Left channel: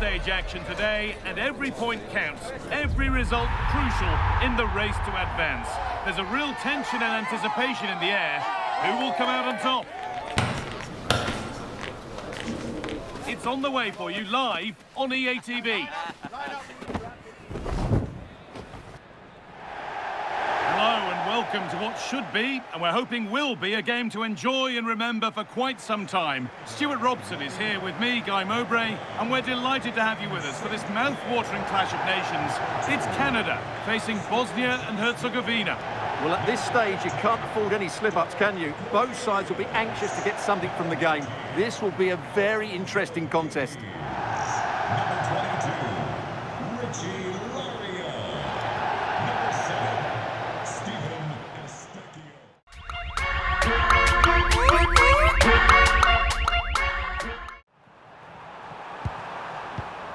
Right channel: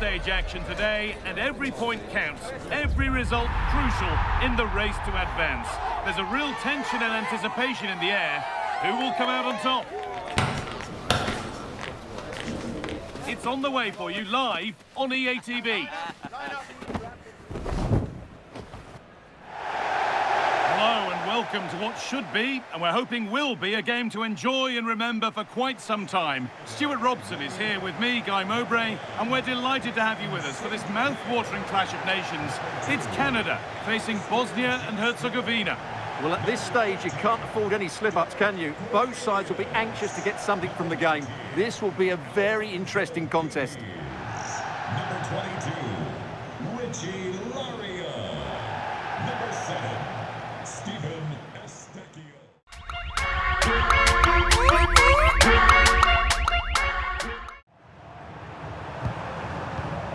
stage action today, and every point counts. Every result crucial in the race to advance. There's a real tension and anticipation in the air. Who will come out on top? It's on the way for you live on EA TV. Hello and welcome to what should be, and we're hoping will be, a game to enjoy and remember for quite some time. Stuart Robson is here with me, Guy Mowbray, and we're delighted to have you with us for this mouth-watering clash of nations. It's Canada facing Bosnia and Herzegovina. Well, at this stage, you can't afford any slip-ups, can you? Both sides will be anxious to get something from the game. This will be a very interesting contest. Number 22, Richie Laria. Number 7, Stephen Estecchio.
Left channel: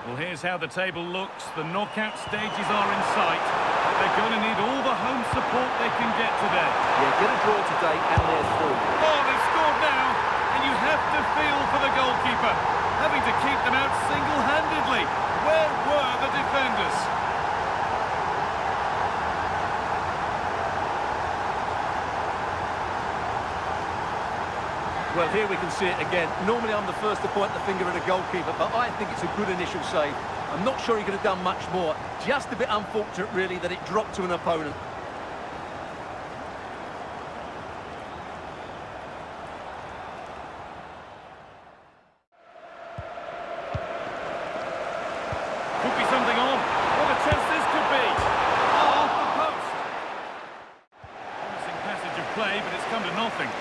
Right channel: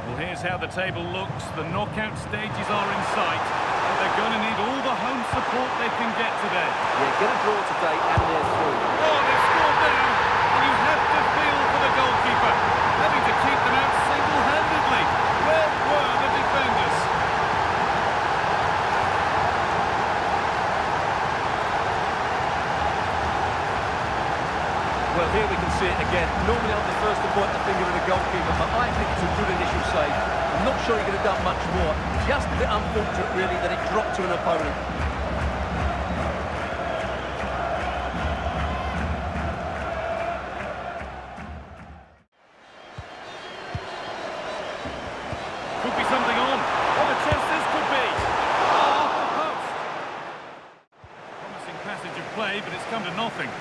Well, here's how the table looks. The knockout stages are in sight. But they're going to need all the home support they can get today. Yeah, get a draw today and they're through. Oh, they've scored now, and you have to feel for the goalkeeper, having to keep them out single-handedly. Where were the defenders? Well, here we can see it again. Normally I'm the first to point the finger at a goalkeeper, but I think it's a good initial save. I'm not sure he could have done much more. Just a bit unfortunate, really, that it dropped to an opponent. Could be something on. What a chance this could be. Oh, off the post. Promising passage of play, but it's come to nothing.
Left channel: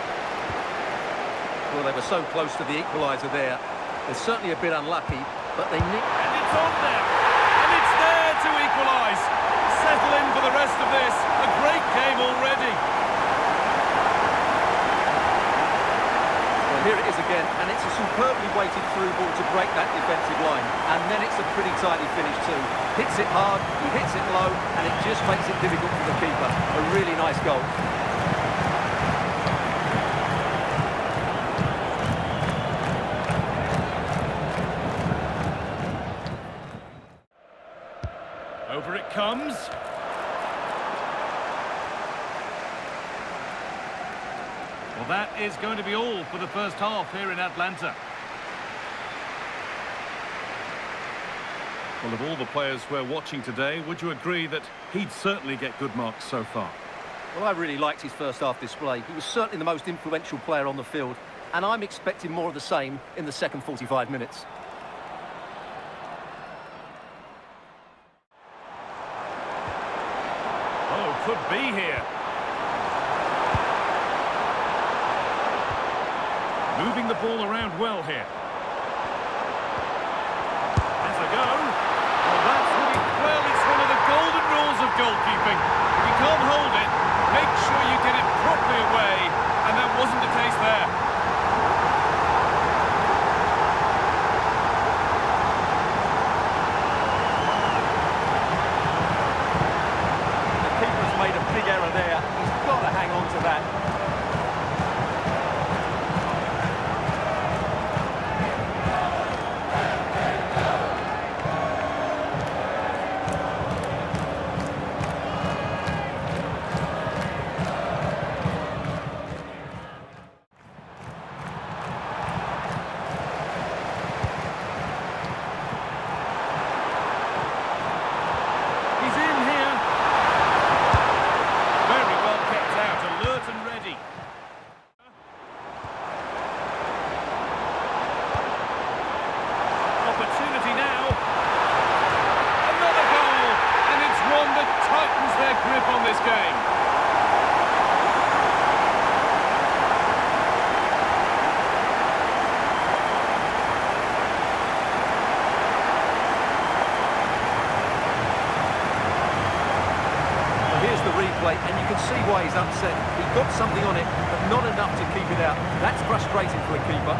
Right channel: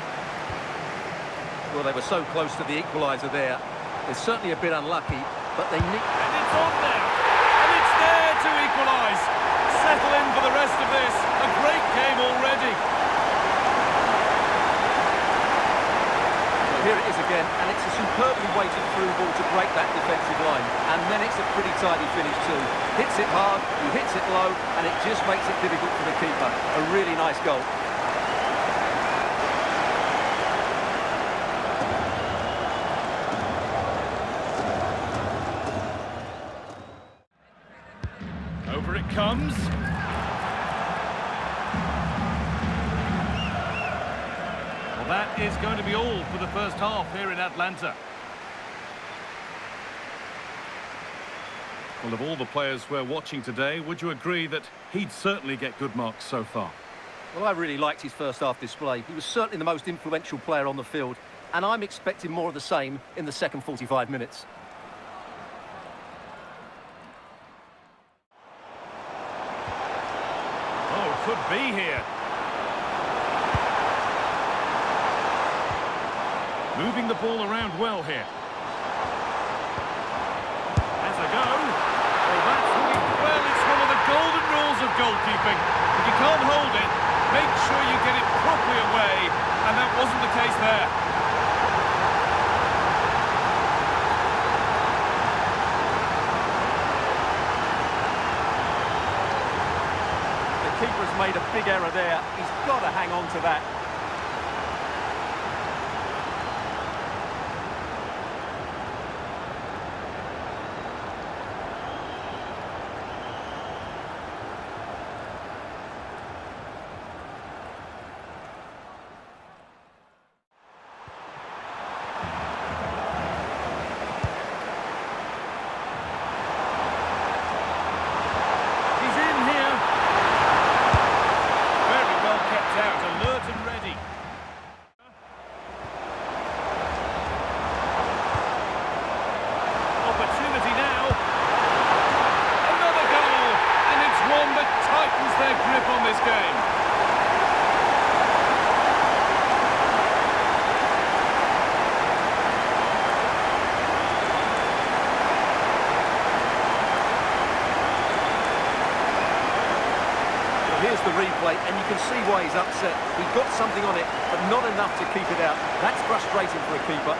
Well, they were so close to the equaliser there. They're certainly a bit unlucky, but they nicked... And it's on now. And it's there to equalise. Settle in for the rest of this. A great game already. Well, here it is again, and it's a superbly weighted through ball to break that defensive line. And then it's a pretty tidy finish too. Hits it hard, he hits it low, and it just makes it difficult for the keeper. A really nice goal. Over it comes. Well, that is going to be all for the first half here in Atlanta. Well, of all the players we're watching today, would you agree that he'd certainly get good marks so far? Well, I really liked his first half display. He was certainly the most influential player on the field, and I'm expecting more of the same in the second 45 minutes. Oh, could be here. Moving the ball around well here. Has a go. Well, that's really... Well, it's one of the golden rules of goalkeeping. If you can't hold it, make sure you get it properly away, and that wasn't the case there. The keeper's made a big error there. He's got to hang on to that. He's in here. Very well kept out, alert and ready. Opportunity now. Another goal, and it's one that tightens their grip on this game. Here's the replay, and you can see why he's upset. He got something on it, but not enough to keep it out. That's frustrating for a keeper.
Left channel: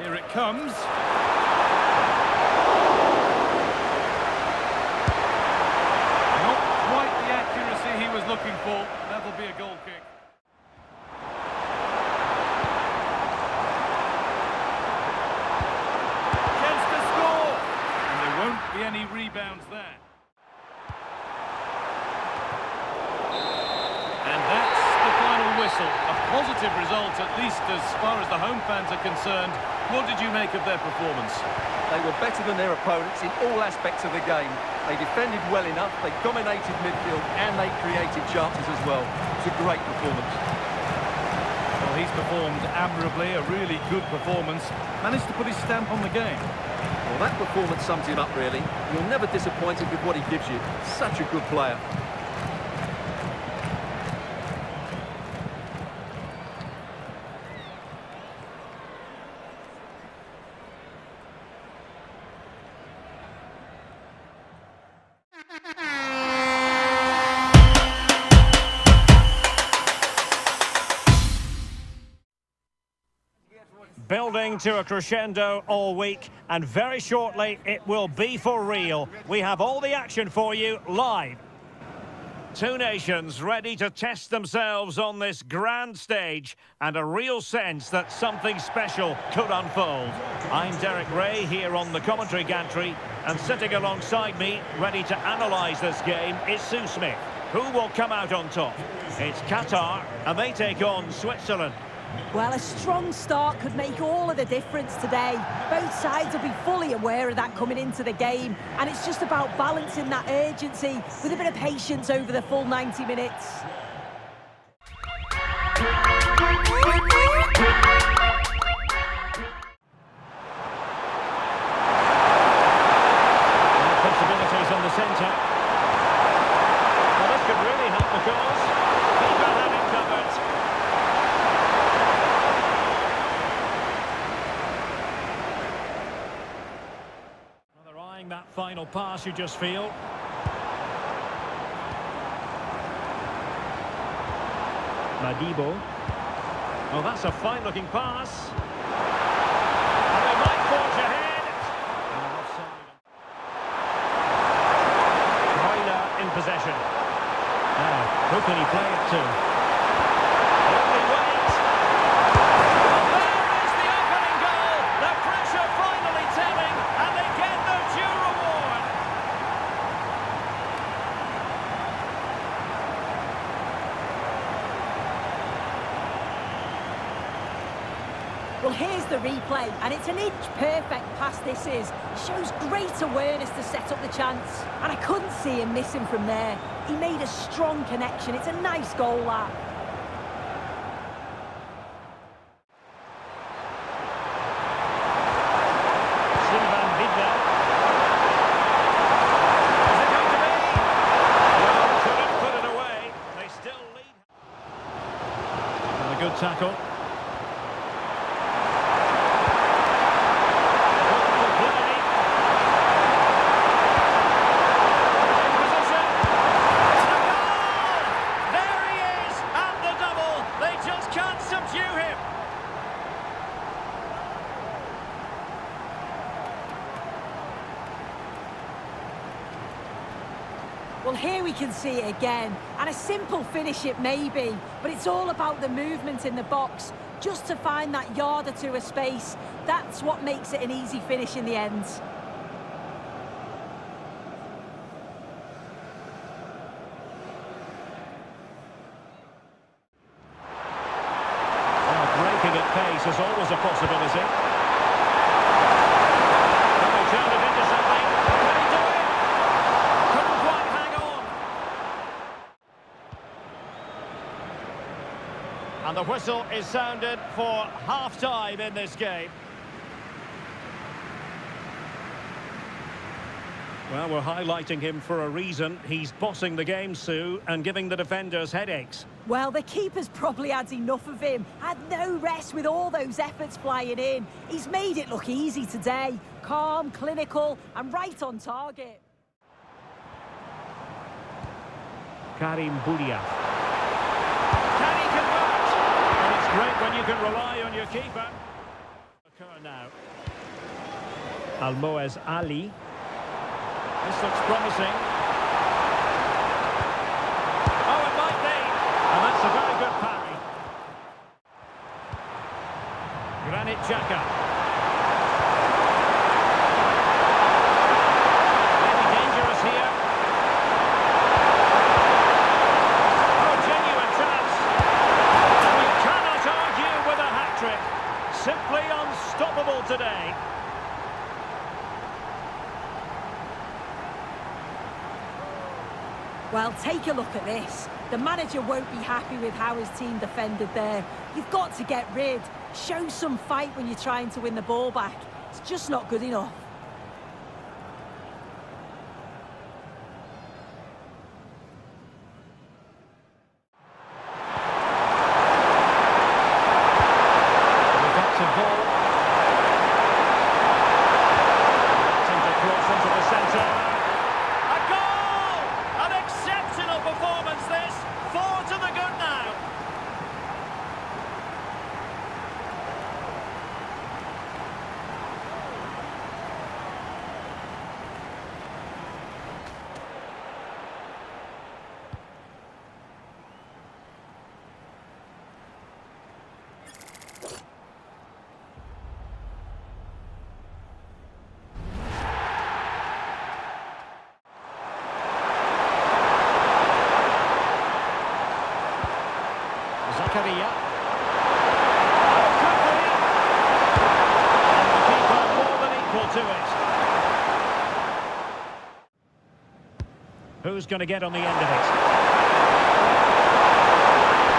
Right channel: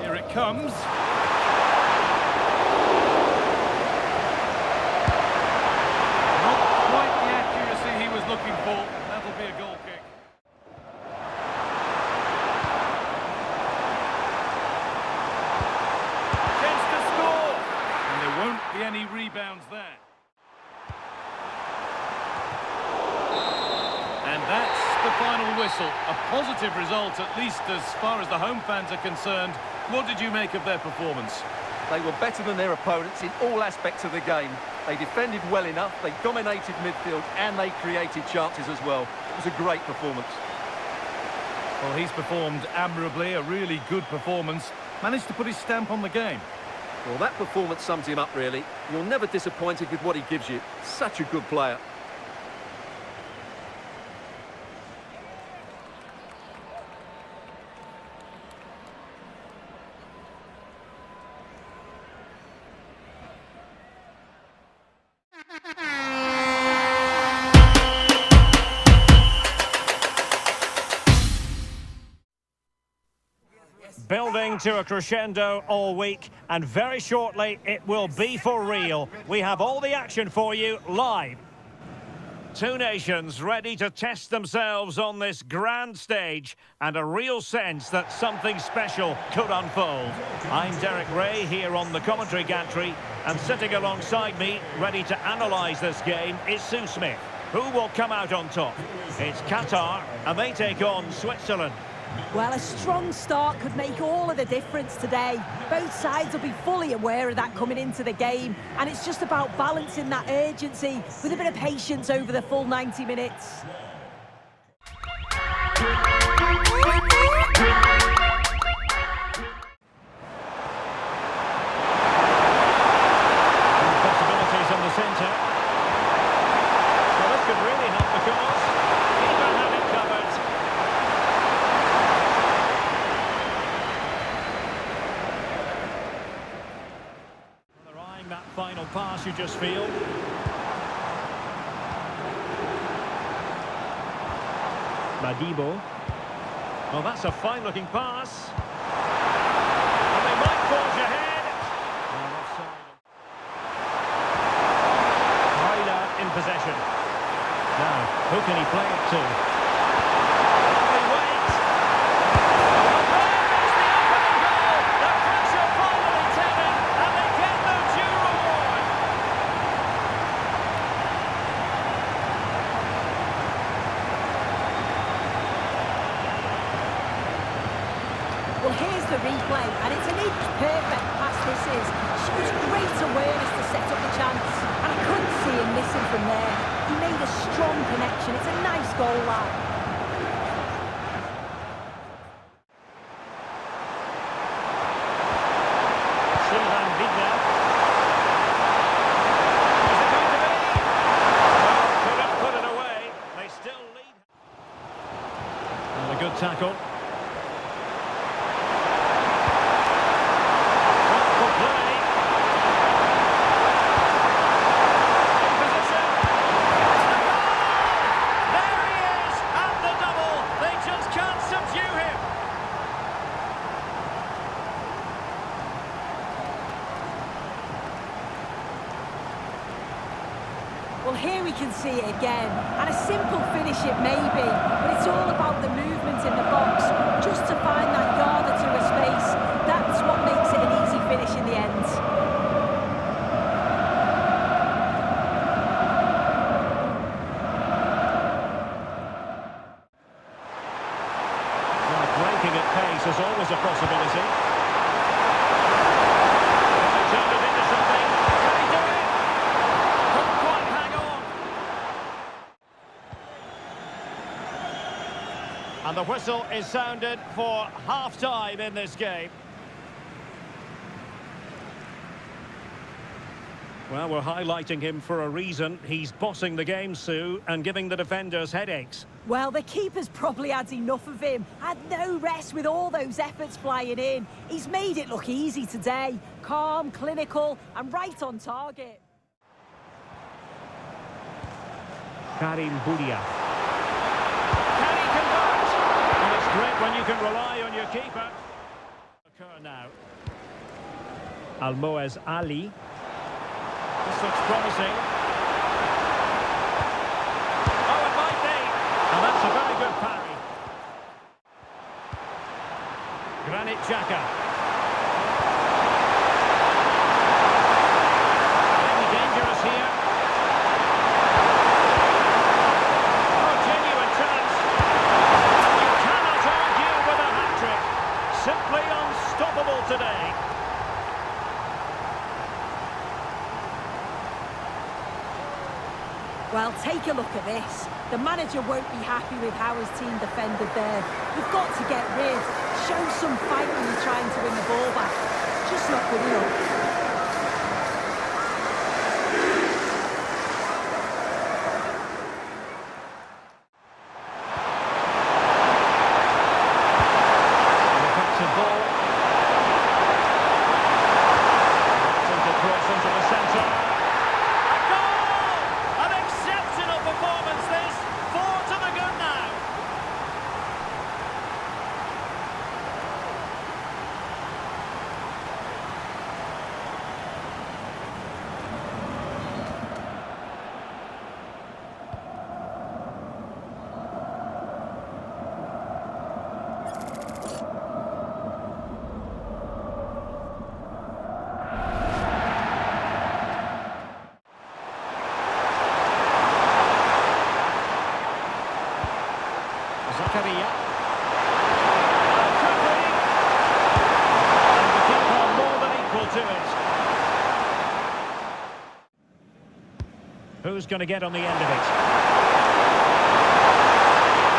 Here it comes. was looking for. That'll be a goal kick. Chance to score! And there won't be any rebounds there. And that's the final whistle. A positive result, at least as far as the home fans are concerned. What did you make of their performance? They were better than their opponents in all aspects of the game. They defended well enough, they dominated midfield, and they created chances as well. It was a great performance. Well, he's performed admirably, a really good performance. Managed to put his stamp on the game. Well, that performance sums him up, really. You're never disappointed with what he gives you. Such a good player. Building to a crescendo all week, and very shortly it will be for real. We have all the action for you live. Two nations ready to test themselves on this grand stage, and a real sense that something special could unfold. I'm Derek Ray here on the commentary gantry, and sitting alongside me, ready to analyse this game, is Sue Smith. Who will come out on top? It's Qatar, and they take on Switzerland. Well, a strong start could make all of the difference today. Both sides will be fully aware of that coming into the game, and it's just about balancing that urgency with a bit of patience over the full 90 minutes. Possibilities in the centre. Well, this could really help the cause. Keeper had it covered. That final pass, you just feel. Madibo. Oh, that's a fine-looking pass. And they might forge ahead. Oh, offside. Hyla in possession. Now, who can he play it to? Lovely wait. Well, there is the opening goal. The pressure finally telling, and they get the due reward. Well, here's the replay, and it's an inch-perfect pass this is. Shows great awareness to set up the chance, and I couldn't see him missing from there. He made a strong connection. It's a nice goal, that. Sylvain Vidal. Is it going to be? Well, couldn't put it away. They still lead. Another good tackle. Wonderful play. In position. And a goal! There he is at the double. They just can't subdue him. Well, here we can see it again, and a simple finish it may be, but it's all about the movement in the box, just to find that yard or two of space. That's what makes it an easy finish in the end. Well, breaking at pace is always a possibility. Can they turn it into something? Can he do it? Couldn't quite hang on. And the whistle is sounded for half-time in this game. Well, we're highlighting him for a reason. He's bossing the game, Sue, and giving the defenders headaches. Well, the keeper's probably had enough of him. Had no rest with all those efforts flying in. He's made it look easy today. Calm, clinical, and right on target. Karim Boudia. Can he convert? Well, it's great when you can rely on your keeper. Occur now. Almoez Ali. This looks promising. Oh, and It's a very good parry. Granit Xhaka. Maybe dangerous here. Oh, genuine chance. And you cannot argue with a hat-trick. Simply unstoppable today. Well, take a look at this. The manager won't be happy with how his team defended there. You've got to get rid. Show some fight when you're trying to win the ball back. It's just not good enough. An effective ball. Attempting to cross into the centre. A goal! An exceptional performance this. 4 to the good now. Zakaria. Oh, could be! And the keeper more than equal to it. Who's going to get on the end of it?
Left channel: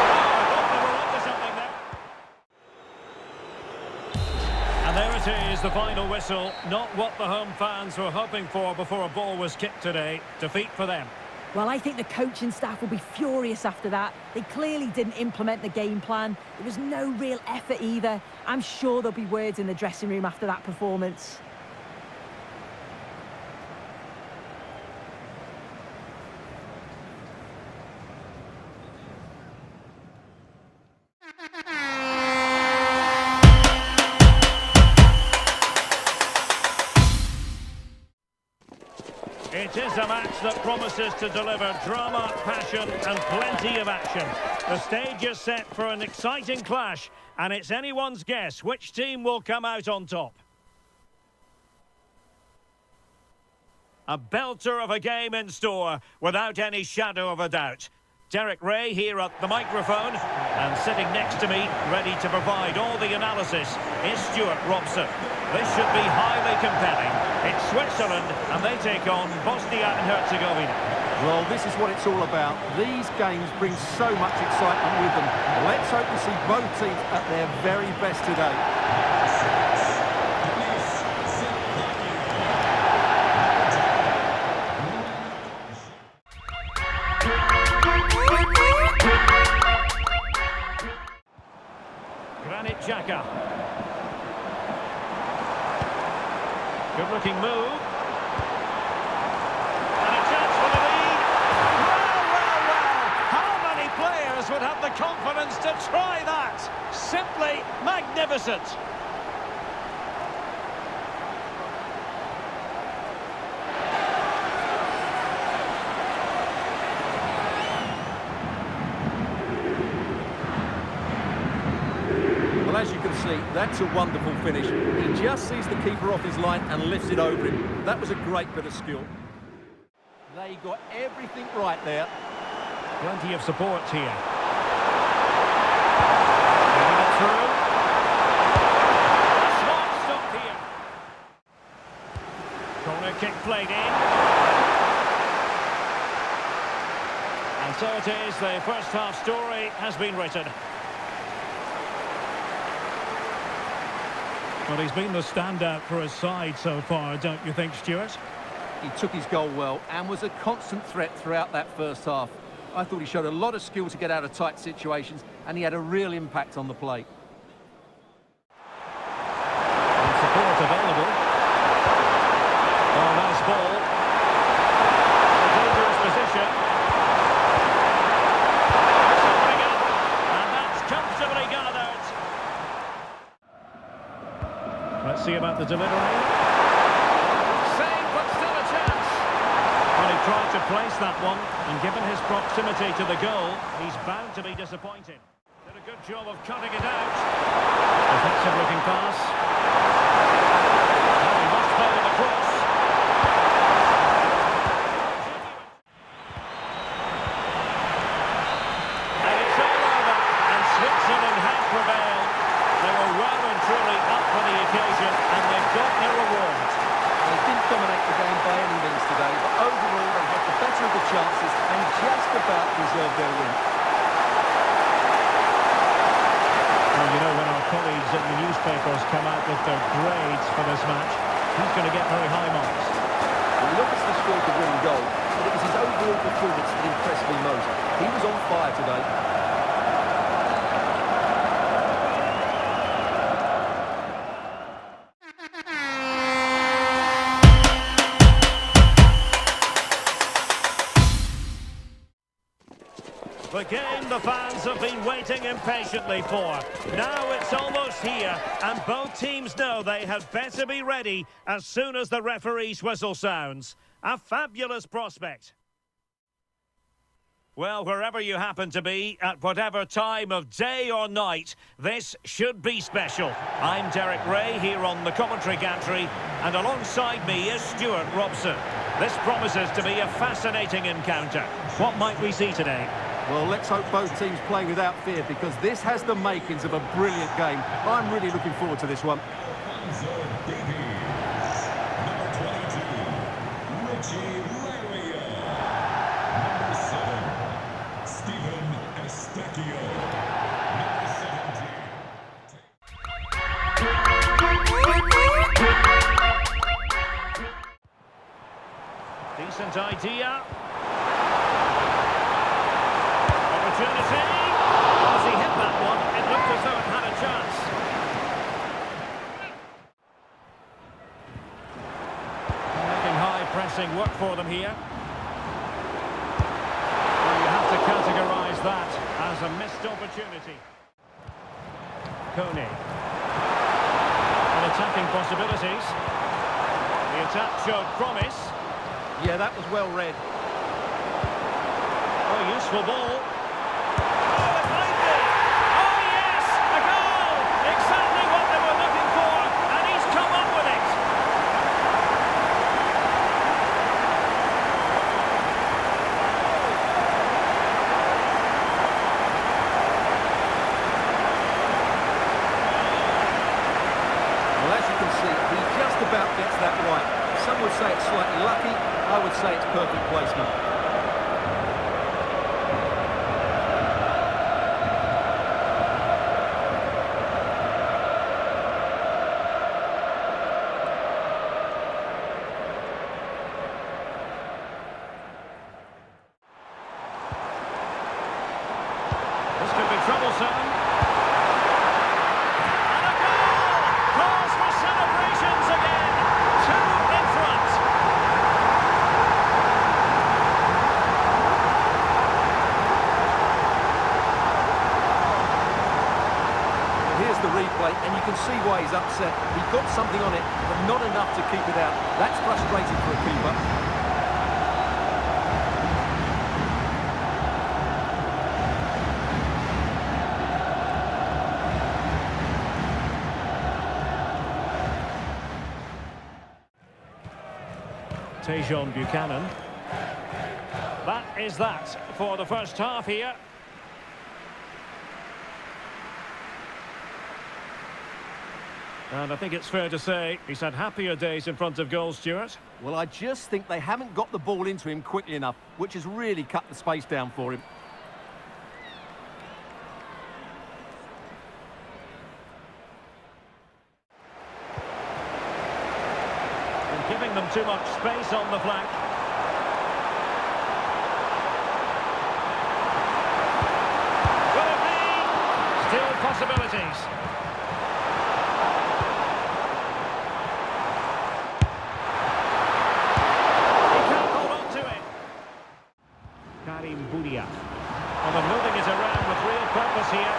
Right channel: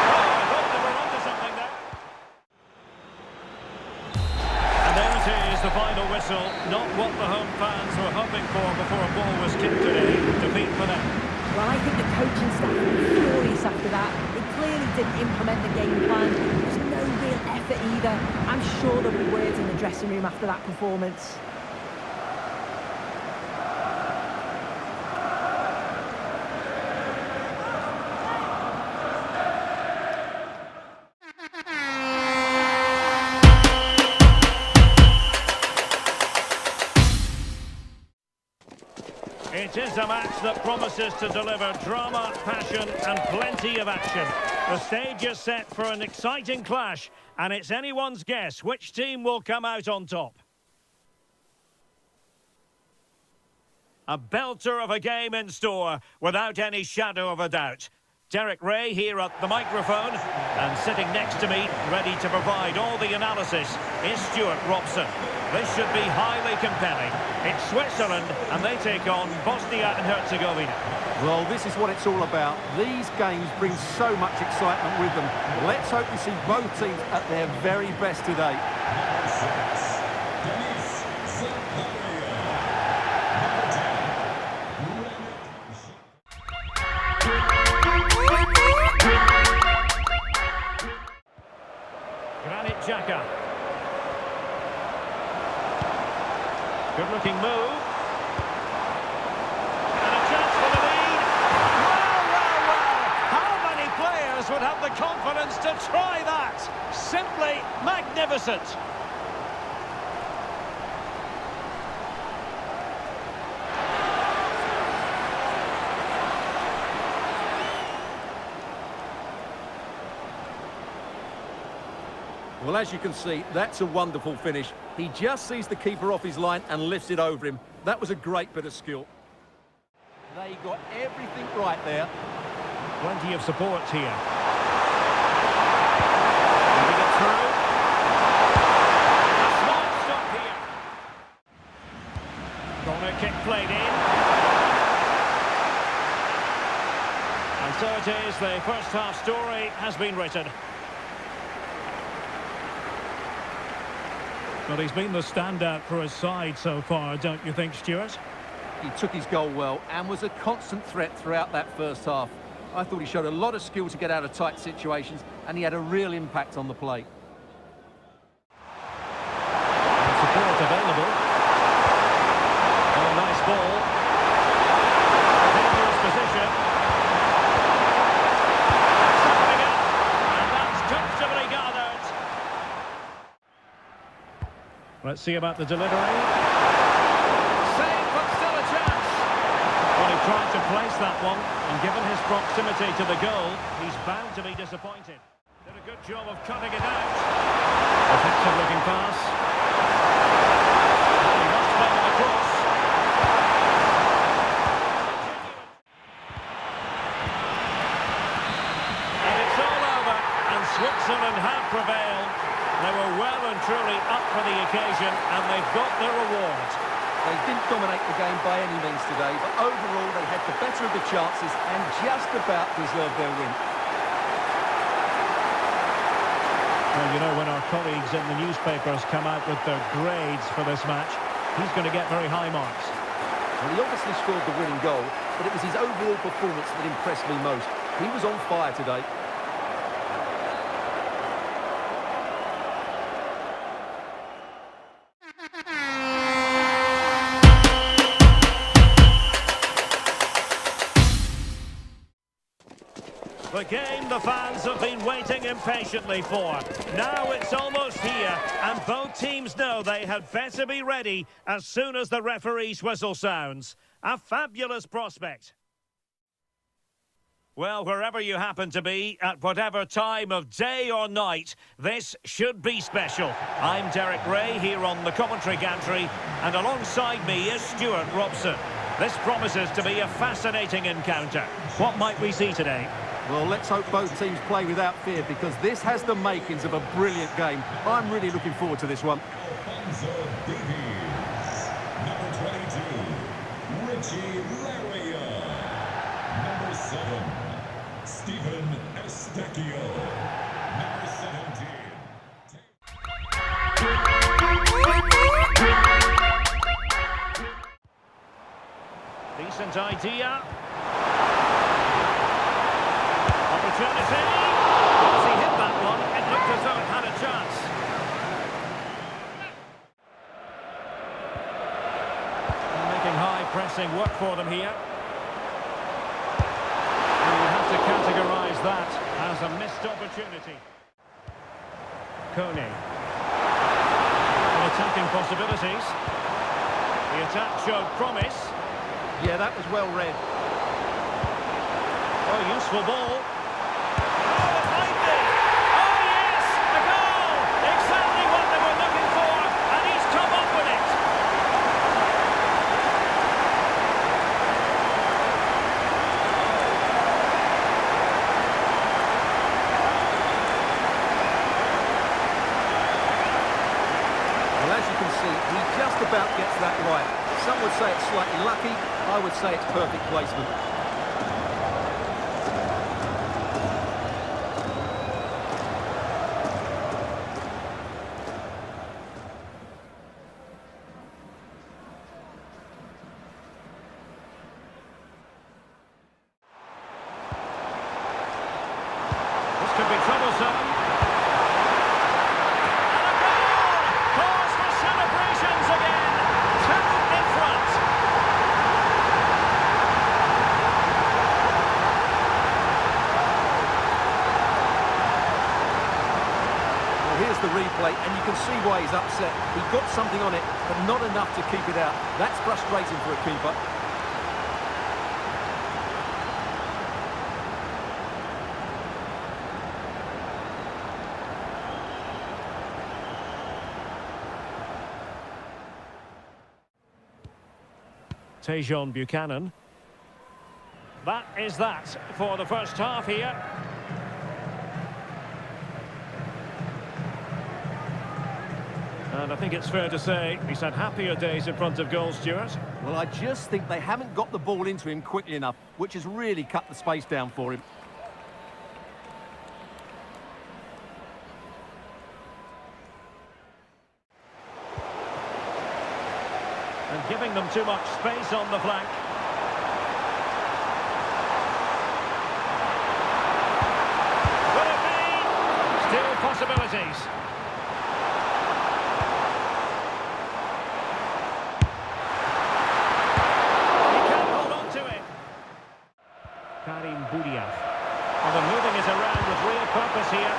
Oh, I thought they were onto something there. And there it is, the final whistle. Not what the home fans were hoping for before a ball was kicked today. Defeat for them. Well, I think the coaching staff will be furious after that. They clearly didn't implement the game plan. There was no real effort either. I'm sure there'll be words in the dressing room after that performance. It is a match that promises to deliver drama, passion and plenty of action. The stage is set for an exciting clash, and it's anyone's guess which team will come out on top. A belter of a game in store, without any shadow of a doubt. Derek Ray here at the microphone, and sitting next to me, ready to provide all the analysis, is Stuart Robson. This should be highly compelling. It's Switzerland, and they take on Bosnia and Herzegovina. Well, this is what it's all about. These games bring so much excitement with them. Let's hope we see both teams at their very best today. Granit Xhaka. Good-looking move. And a chance for the lead. Well, well, well. How many players would have the confidence to try that? Simply magnificent. Well, as you can see, that's a wonderful finish. He just sees the keeper off his line and lifts it over him. That was a great bit of skill. They got everything right there. Plenty of support here. Moving it through. A smart stop here. Corner kick played in. And so it is, the first half story has been written. Well, he's been the standout for his side so far, don't you think, Stuart? He took his goal well and was a constant threat throughout that first half. I thought he showed a lot of skill to get out of tight situations, and he had a real impact on the play. And support available. Oh, nice ball. A dangerous position. It's opening up, and that's comfortably gathered. Let's see about the delivery. Save, but still a chance. Well, Well, he tried to place that one, and given his proximity to the goal, he's bound to be disappointed. Did a good job of cutting it out. Offensive looking pass. Now he must play with a cross. And it's all over, and Switzerland have prevailed. They were well and truly up for the occasion, and they've got their reward. They didn't dominate the game by any means today, but overall they had the better of the chances and just about deserved their win. Well, you know, when our colleagues in the newspapers come out with their grades for this match, he's going to get very high marks. Well, he obviously scored the winning goal, but it was his overall performance that impressed me most. He was on fire today. The game the fans have been waiting impatiently for. Now it's almost here, and both teams know they had better be ready as soon as the referee's whistle sounds. A fabulous prospect. Well, wherever you happen to be, at whatever time of day or night, this should be special. I'm Derek Ray here on the commentary gantry, and alongside me is Stuart Robson. This promises to be a fascinating encounter. What might we see today? Well, let's hope both teams play without fear, because this has the makings of a brilliant game. I'm really looking forward to this one. Alfonso Davies. Number 22, Richie Laria. Number 7, Stephen Estacchio. Number 17. Decent idea. Opportunity. Well, as he hit that one, it looked as though it had a chance. And making high pressing work for them here. Well, you have to categorise that as a missed opportunity. Kone. And attacking possibilities. The attack showed promise. Yeah, that was well read. Oh, useful ball. Oh, it might be. Oh, yes, a goal. Exactly what they were looking for, and he's come up with it. Well, as you can see, he just about gets that right. Some would say it's slightly lucky. I would say it's perfect placement. This could be troublesome. And a goal! Cause for celebrations again. 2 in front. Well, here's the replay, and you can see why he's upset. He got something on it, but not enough to keep it out. That's frustrating for a keeper. Tejon Buchanan. That is that for the first half here. And I think it's fair to say he's had happier days in front of goal, Stuart. Well, I just think they haven't got the ball into him quickly enough, which has really cut the space down for him. And giving them too much space on the flank. Will it be? Still possibilities. He can't hold on to it. Karim Boudiaf. Well, they're moving it around with real purpose here.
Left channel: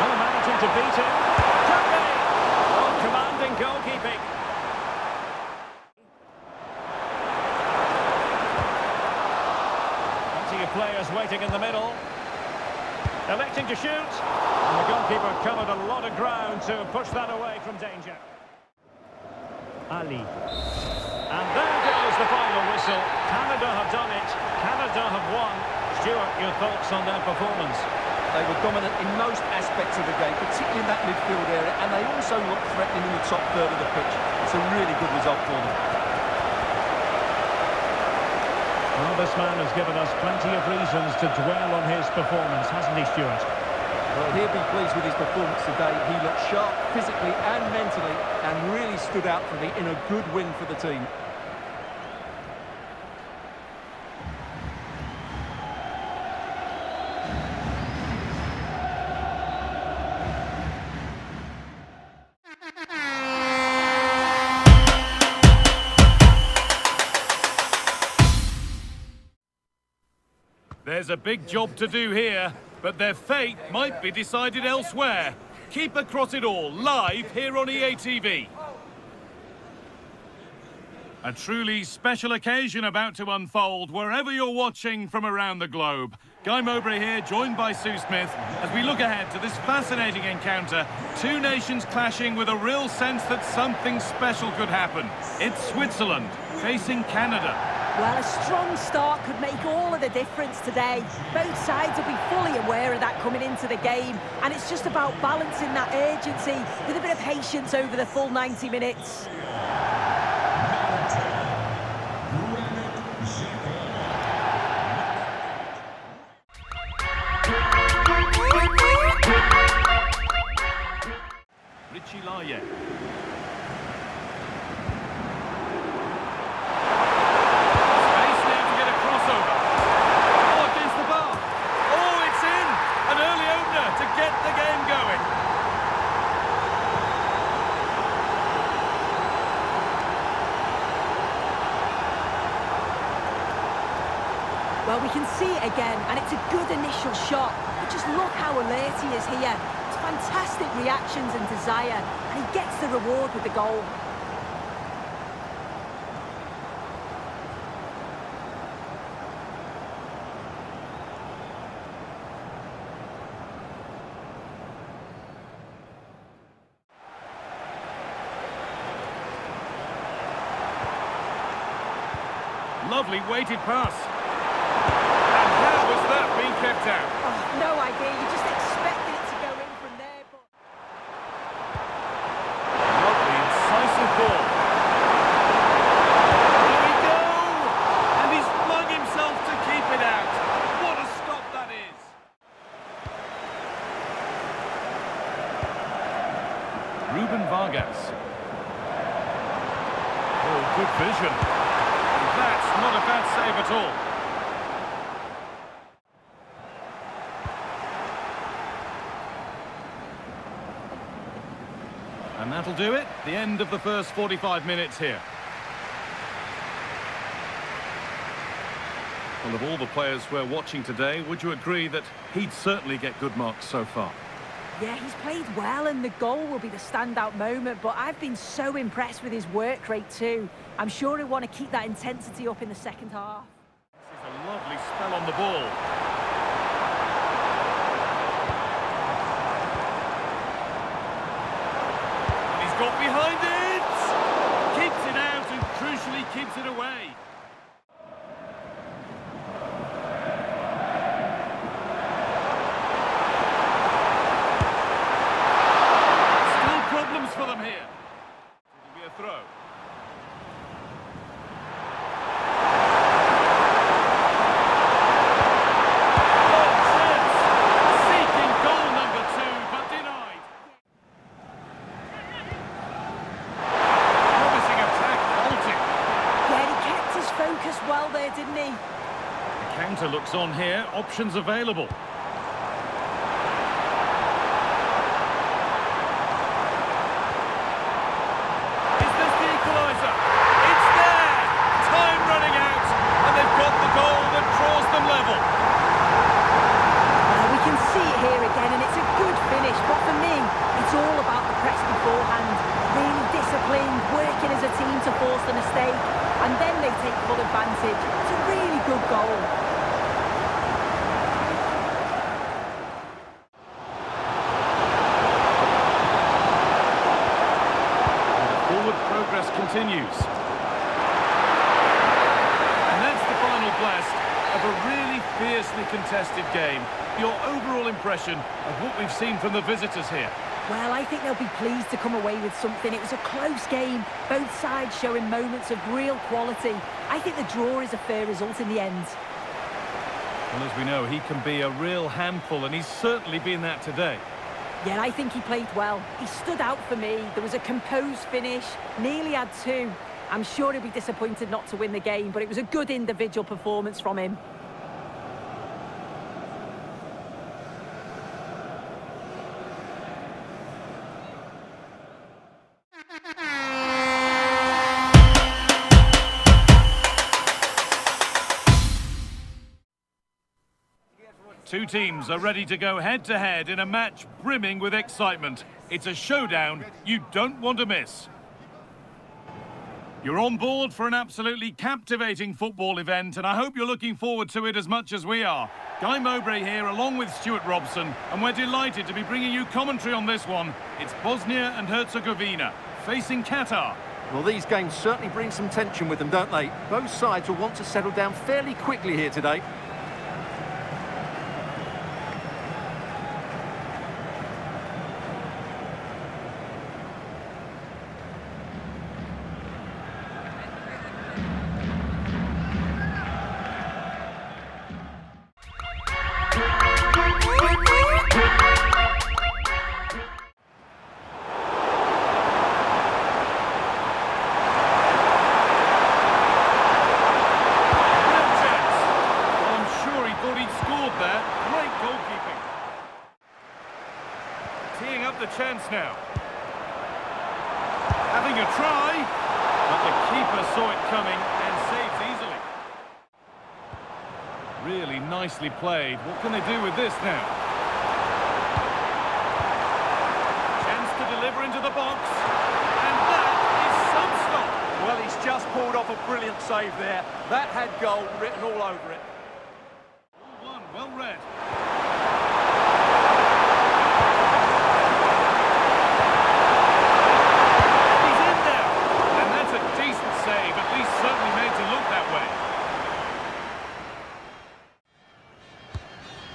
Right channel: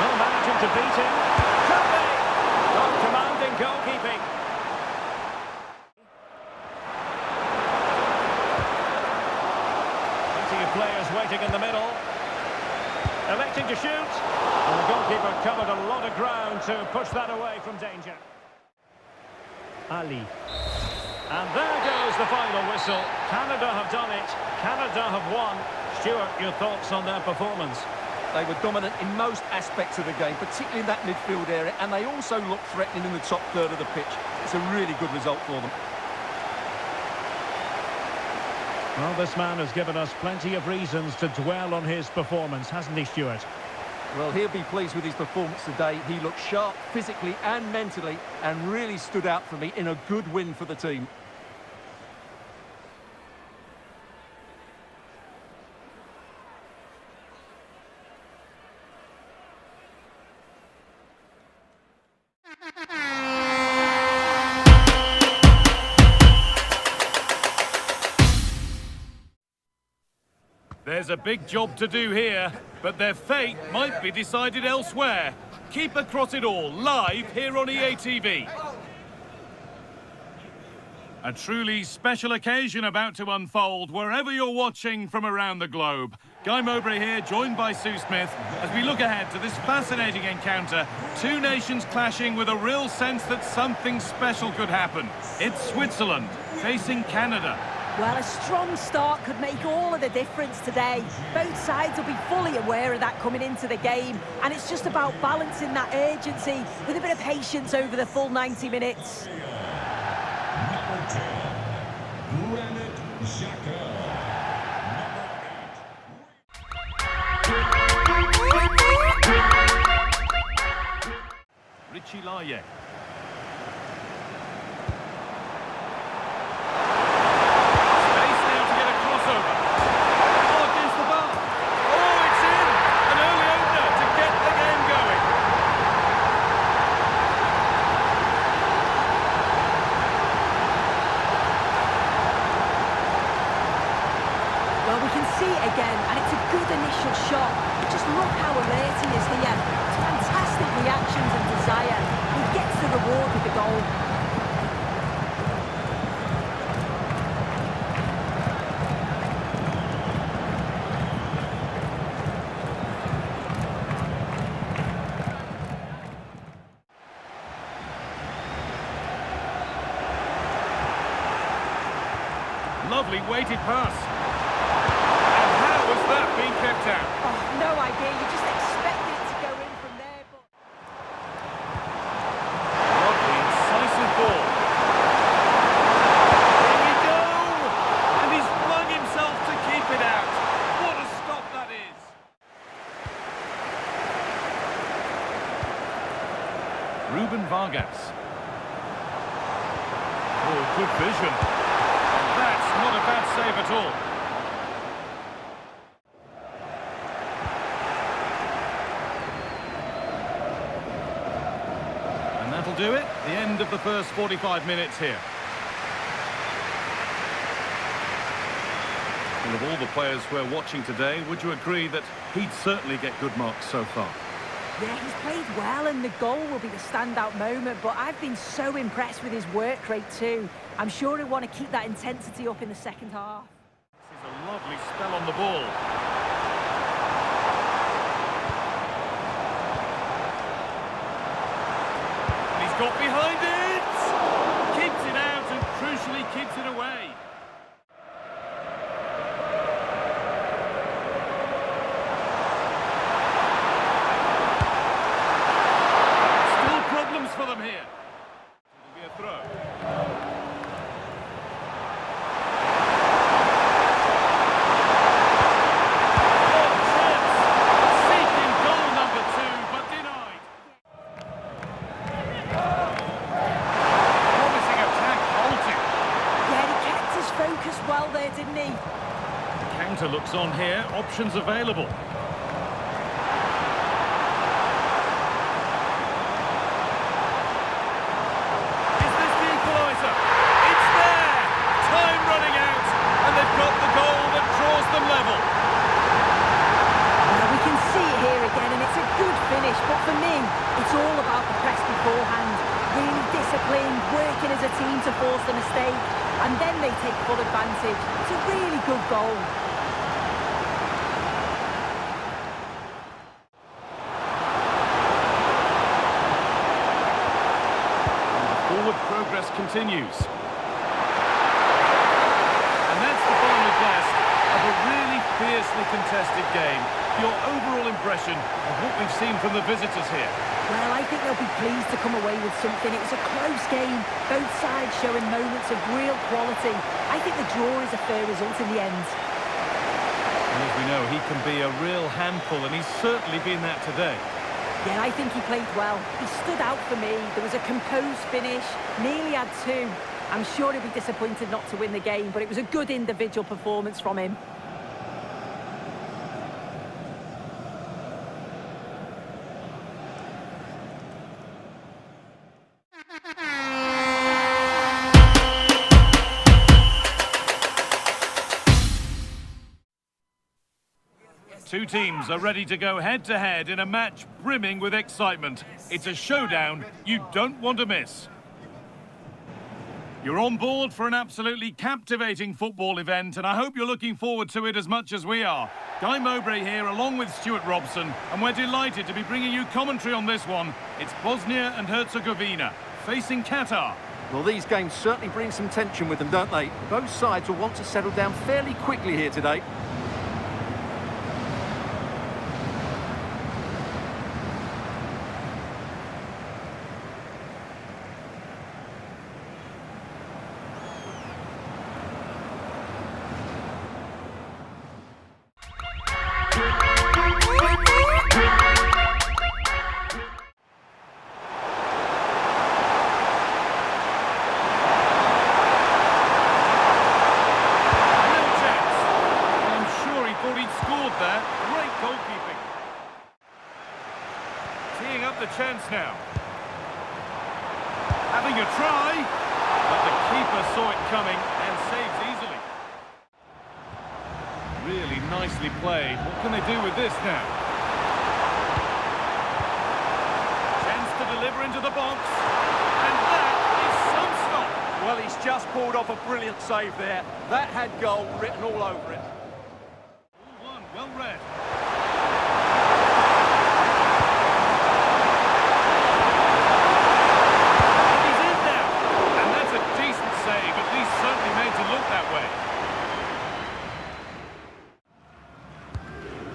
Oh, managing to beat him. Could be. Oh, commanding goalkeeping. of players waiting in the middle. Electing to shoot. And the goalkeeper covered a lot of ground to push that away from danger. Ali. And there goes the final whistle. Canada have done it. Canada have won. Stuart, your thoughts on their performance? They were dominant in most aspects of the game, particularly in that midfield area, and they also looked threatening in the top third of the pitch. It's a really good result for them. Well, this man has given us plenty of reasons to dwell on his performance, hasn't he, Stuart? Well, he'll be pleased with his performance today. He looked sharp physically and mentally and really stood out for me in a good win for the team. There's a big job to do here, but their fate might be decided elsewhere. Keep across it all, live here on EA TV. A truly special occasion about to unfold wherever you're watching from around the globe. Guy Mowbray here, joined by Sue Smith, as we look ahead to this fascinating encounter. Two nations clashing with a real sense that something special could happen. It's Switzerland facing Canada. Well, a strong start could make all of the difference today. Both sides will be fully aware of that coming into the game, and it's just about balancing that urgency with a bit of patience over the full 90 minutes. Number 10, Granit Xhaka. Richie Laye. Well, we can see it again, and it's a good initial shot. But just look how alert he is here. It's fantastic reactions and desire, and he gets the reward with the goal. Lovely weighted pass. Was that being kept out? Oh, no idea. You just expected it to go in from there, but... Lovely, incisive ball. Here we go! And he's flung himself to keep it out. What a stop that is! Ruben Vargas. Oh, good vision. And that's not a bad save at all. And that'll do it. The end of the first 45 minutes here. Well, of all the players we're watching today, would you agree that he'd certainly get good marks so far? Yeah, he's played well, and the goal will be the standout moment, but I've been so impressed with his work rate too. I'm sure he'll want to keep that intensity up in the second half. This is a lovely spell on the ball. Got behind it! Keeps it out and crucially keeps it away. Still problems for them here. It'll be a throw. Focused well there, didn't he? The counter looks on here. Options available. Is this the equaliser? It's there! Time running out, and they've got the goal that draws them level. Well, we can see it here again, and it's a good finish, but for me, it's all about the press beforehand. Really disciplined, working as a team to force the mistake. And then they take full advantage. It's a really good goal. Forward progress continues. And that's the final blast of a really fiercely contested game. Your overall impression of what we've seen from the visitors here? Well, I think they'll be pleased to come away with something. It was a close game, both sides showing moments of real quality. I think the draw is a fair result in the end. Well, as we know, he can be a real handful, and he's certainly been that today. Yeah, I think he played well. He stood out for me. There was a composed finish, nearly had two. I'm sure he'll be disappointed not to win the game, but it was a good individual performance from him. Two teams are ready to go head-to-head in a match brimming with excitement. It's a showdown you don't want to miss. You're on board for an absolutely captivating football event, and I hope you're looking forward to it as much as we are. Guy Mowbray here, along with Stuart Robson, and we're delighted to be bringing you commentary on this one. It's Bosnia and Herzegovina, facing Qatar. Well, these games certainly bring some tension with them, don't they? Both sides will want to settle down fairly quickly here today. There, great goalkeeping. Teeing up the chance now. Having a try, but the keeper saw it coming and saves easily. Really nicely played. What can they do with this now? Chance to deliver into the box, and that is some stop. Well, he's just pulled off a brilliant save there. That had goal written all over it. Well read. And he's in now. And that's a decent save, at least certainly made to look that way.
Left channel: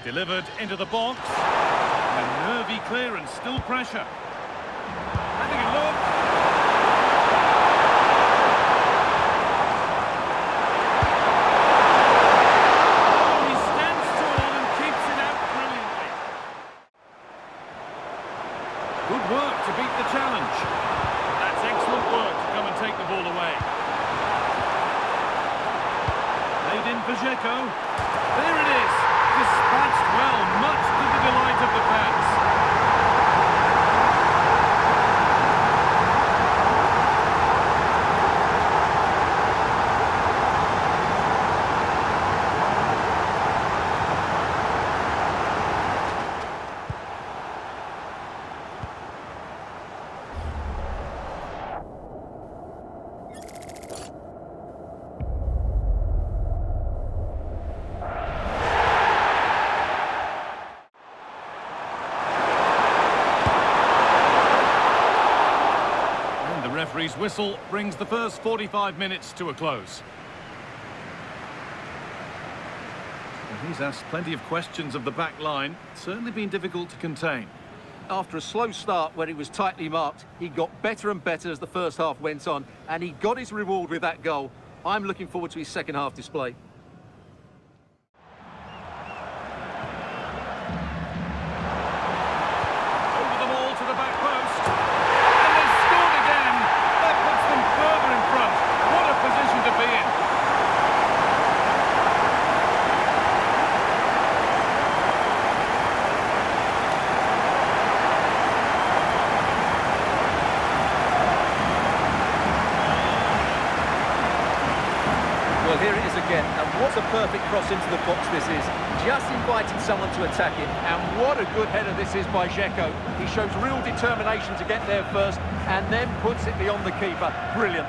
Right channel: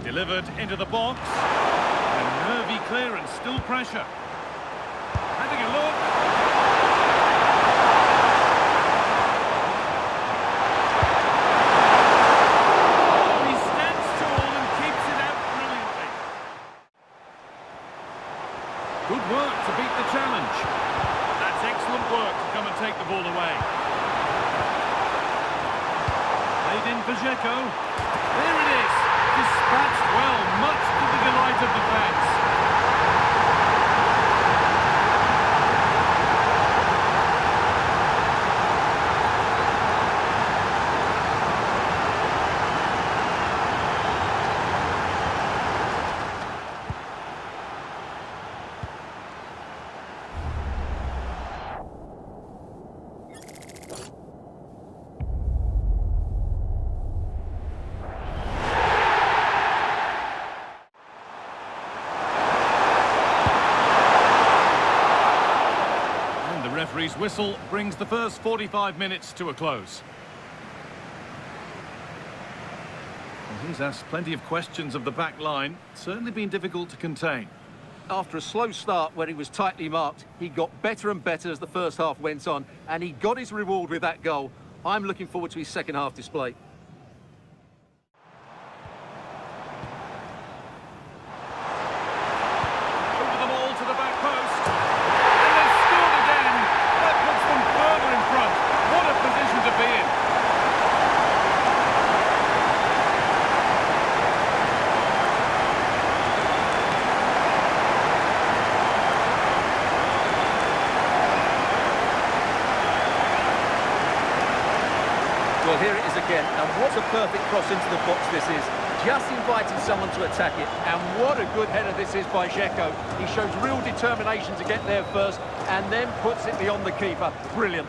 Delivered into the box. And a nervy clearance, still pressure. Having a look. Good work to beat the challenge. That's excellent work to come and take the ball away. Laid in for Dzeko. There it is. Dispatched well, much to the delight of the fans. The referee's whistle brings the first 45 minutes to a close. Well, he's asked plenty of questions of the back line. Certainly been difficult to contain. After a slow start where he was tightly marked, he got better and better as the first half went on, and he got his reward with that goal. I'm looking forward to his second half display. Over the ball to the back post. And they've scored again. That puts them further in front. What a position to be in. Well, here it is again, and what a perfect cross into the box this is. Just inviting someone to attack it, and what a good header this is by Dzeko. He shows real determination to get there first, and then puts it beyond the keeper. Brilliant.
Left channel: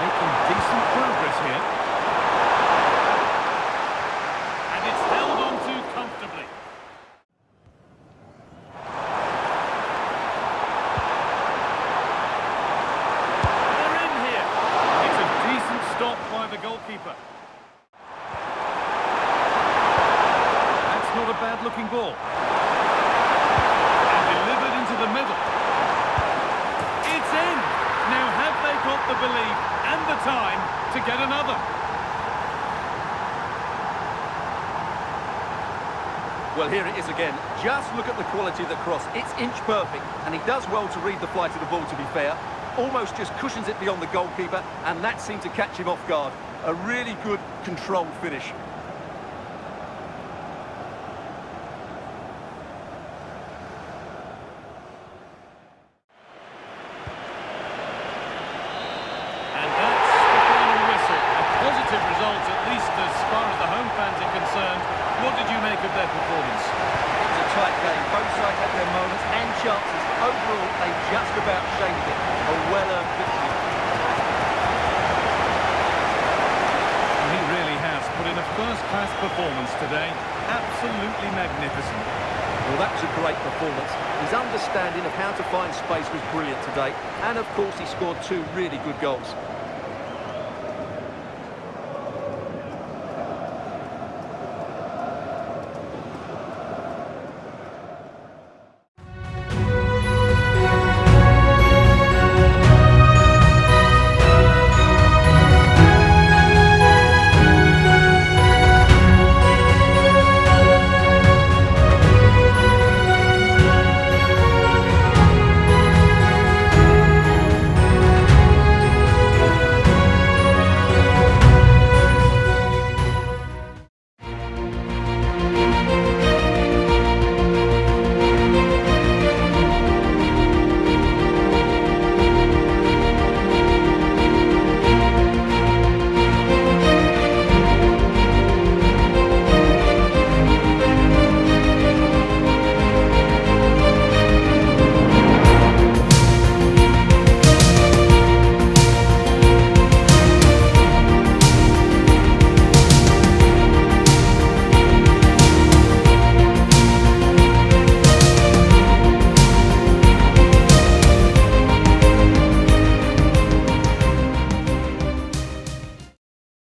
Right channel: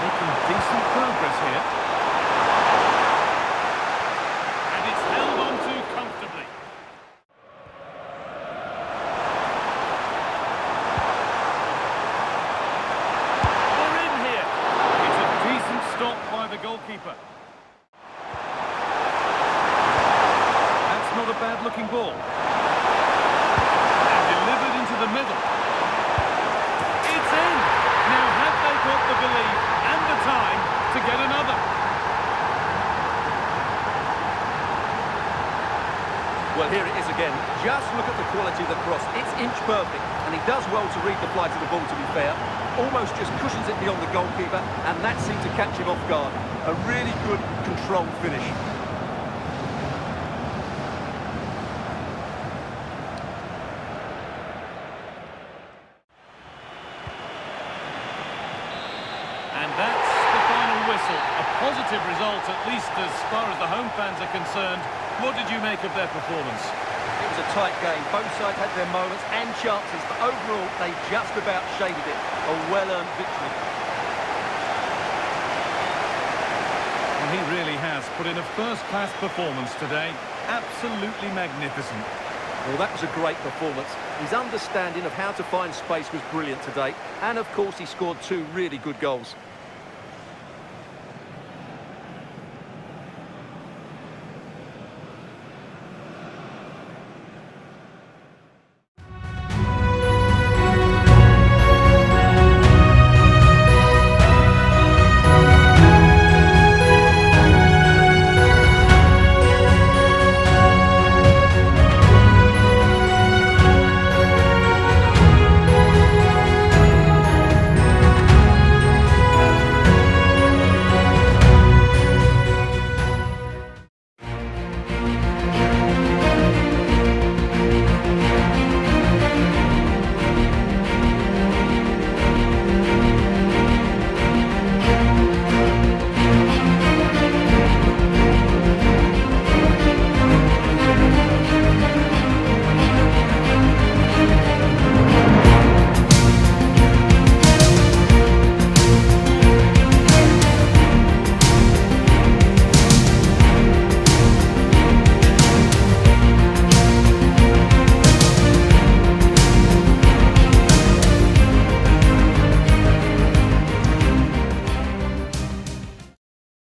Making decent progress. goalkeeper. That's not a bad-looking ball. And delivered into the middle. It's in! Now have they got the belief and the time to get another? Well, here it is again. Just look at the quality of the cross. It's inch perfect, and he does well to read the flight of the ball, to be fair. Almost just cushions it beyond the goalkeeper, and that seemed to catch him off guard. A really good, controlled finish. And that's the final whistle. A positive result, at least as far as the home fans are concerned. What did you make of their performance? It was a tight game. Both sides had their moments and chances, but overall, they just about shaded it. A well-earned victory. Well, he really has put in a first-class performance today. Absolutely magnificent. Well, that was a great performance. His understanding of how to find space was brilliant today. And, of course, he scored 2 really good goals.